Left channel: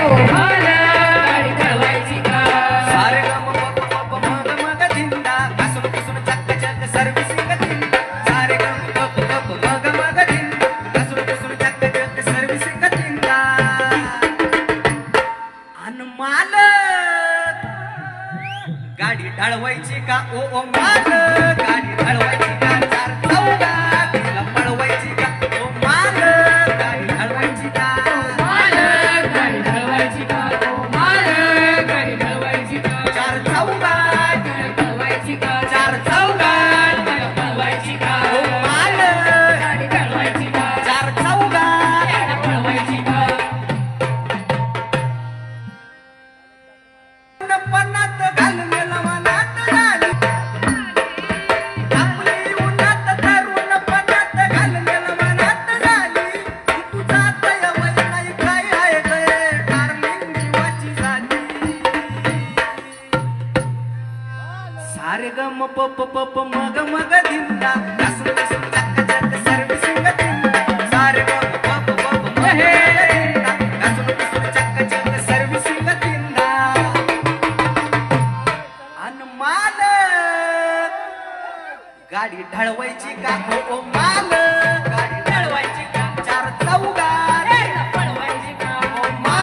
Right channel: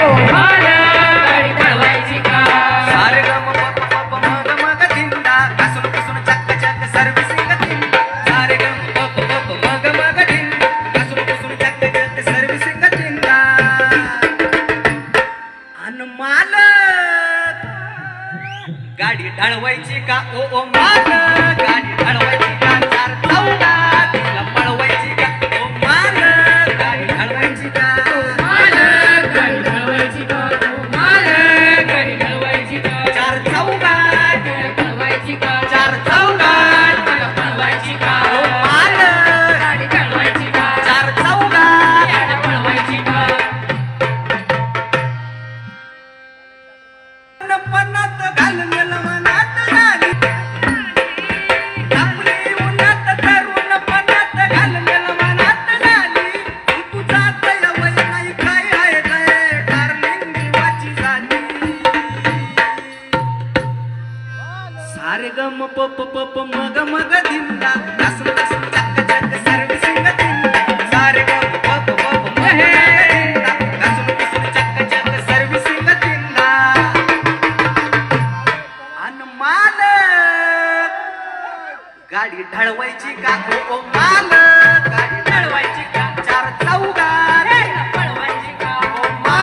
ओ मालक गाडी ठरवायची का सारे गम पप पप मग मग धिंडा घासून पुसून चक्क चक्क सर्व्हिसिंग धिंडा सारे गम पप पप मग मग धिंडा घासून पुसून चक्क चक्क सर्व्हिसिंग धिंडा अन मालक गाडी ढळवायची का ओ ओ मालक गाडी ढळवायची का चार चौघात तिला पळवायची का ओ मालक गाडी ढळवायची का मालक गाडी ठरवायची का ओ मालक गाडी ठरवायची का चार चौघात ठरवायची का चार चौघात मला ठरवायची का ओ मालक गाडी ठरवायची का चार चौघात गाडी ठरवायची का पन्नात घालून लवणात झाली आपली उन्हात तरुण पन्नात घालून लवणात झाली तू जात वय नाही काय आहे रे डार्लिंग जीवाची झाली सारे गम पप पप मग मग धिंडा घासून घासून चक्क चक्क सर्व्हिसिंग धिंडा सारे गम पप पप मग मग धिंडा घासून घासून चक्क चक्क सर्व्हिसिंग धिंडा अन मालक गाडी ढळवायची का ओ ओ मालक गाडी ढळवायची का चार चौघात